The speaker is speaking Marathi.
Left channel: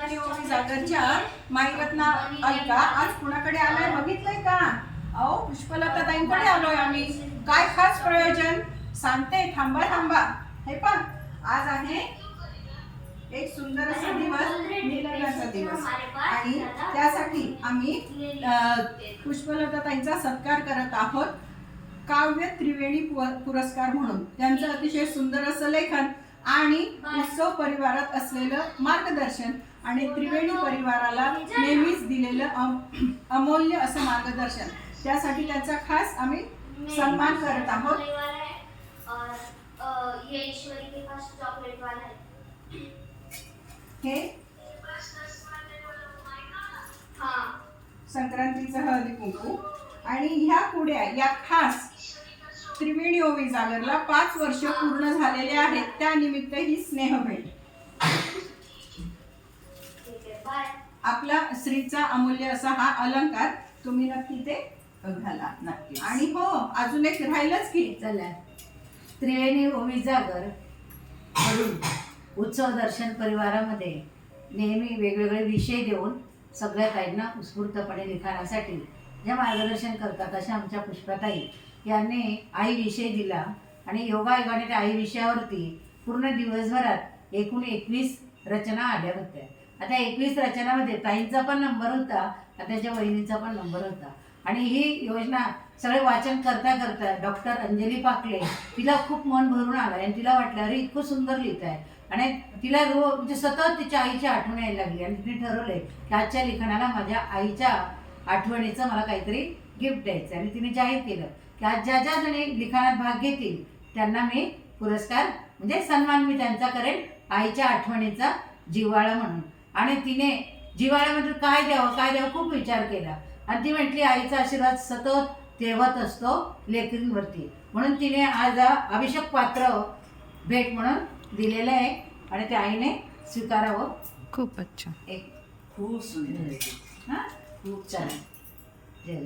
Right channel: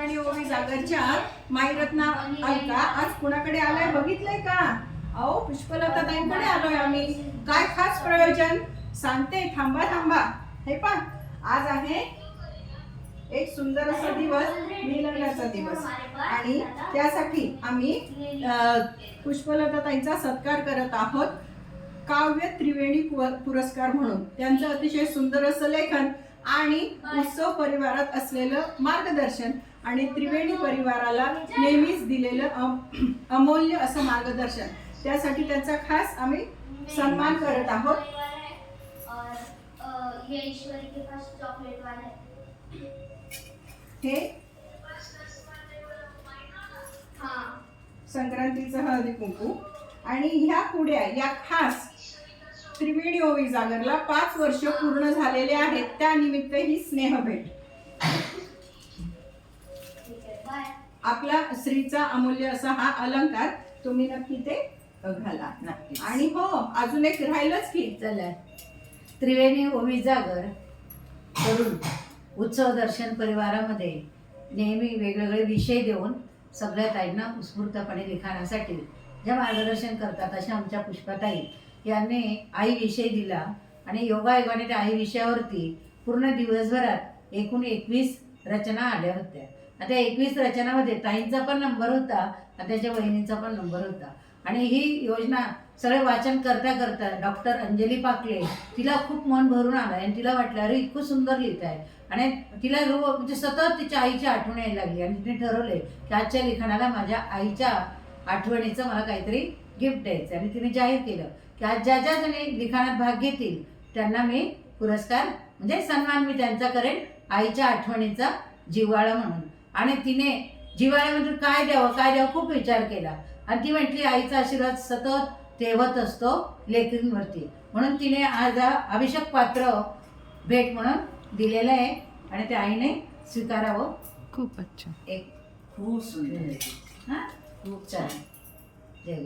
त्रिवेणी ओवी जागरच्या माईरत्ना अलका आज कुणाकडे आलाय बघितलंय का? अहो पुष्पलता ताईंकडे आलोय आम्ही. काय खास प्रयोजन सांगते, थांबा थांबा. हे पण आज आहे एक सुंदर असा दिवस, मिलनाचा दिवस, आणि त्यासाठी आम्ही पुष्पलता ताईंचा सत्कार करत आहोत काव्य त्रिवेणी पुरस्कार म्हणून. त्यांचं अतिशय सुंदर असं लेखन आणि उत्सव परिवारात असलेलं मार्गदर्शन आणि त्रिवेणी परिवाराला नेहमीच दिलेलं अमूल्य असं मार्गदर्शन, त्यासाठी त्यांचा खास आम्ही सन्मान करत आहोत. हे संक्रांतीचं हळदी कुंकू आणि ह्या कुड्या या खास त्रिवेणी ओवी जागरला 5 वर्ष पूर्ण झालेले आहेत, त्यानिमित्त ही स्नेहभेट. आपला स्त्रीचा अमूल्य असा हा अलंकार तुम्ही नक्की ते घाला. नक्की. आणि हो, अजून एक राहिलंच की, चला त्रिवेणी ओवी जागर करून उत्सव दर्शन परिवारामध्ये नेहमी वेगवेगळे विषय देऊन सगळ्या ताईंना उत्स्फूर्तपणे लिखाणासाठी जे मार्गदर्शन करतात अशा आमच्या पुष्पाताई यांनी आई विषय दिला आणि योगायोगाने त्या आई विषयावरती पूर्ण दिवसभरात एकूण 21 रचना आल्या होत्या. आता 21 रचनामध्ये ताईंचा पण नंबर होता आणि त्याच्या बहिणीचा पण नंबर होता. आणि ही योजना सगळे वाचन करता करता डॉक्टर अंजली पाकले तिला खूप मन भरून आलं आणि तिला वाटलं अरे इतकं सुंदर लिहित आहे. आणि तिला म्हणजे सतत तिच्या आईची आठवण यायला लागली आणि तिने ठरवले की आजच्या लिखाणाला माझ्या आईच्या आठवणीचं मला काहीतरी गिफ्ट द्यायचं. आणि तिने जाहीर केलं की आज ज्या ज्या जणी लिखाणात भाग घेतील त्यांना मी पुरस्कार म्हणजे सन्मान मी त्यांचा करेन आईच्या आठवणीचा जिव्हाळा म्हणून. आणि तिने जिव्हाळ्यामध्ये काय द्यावं खूप विचार केला आणि ती म्हटली आईचा आशीर्वाद सतत तेवत असतो लेकरींवरती, म्हणून तिने आज अभिषेक पात्र भेट म्हणून दिलेलं आहे आणि त्या आईने स्वीकारावं. खूप अच्छा. एक खूप सुंदर. हां खूप छान. जय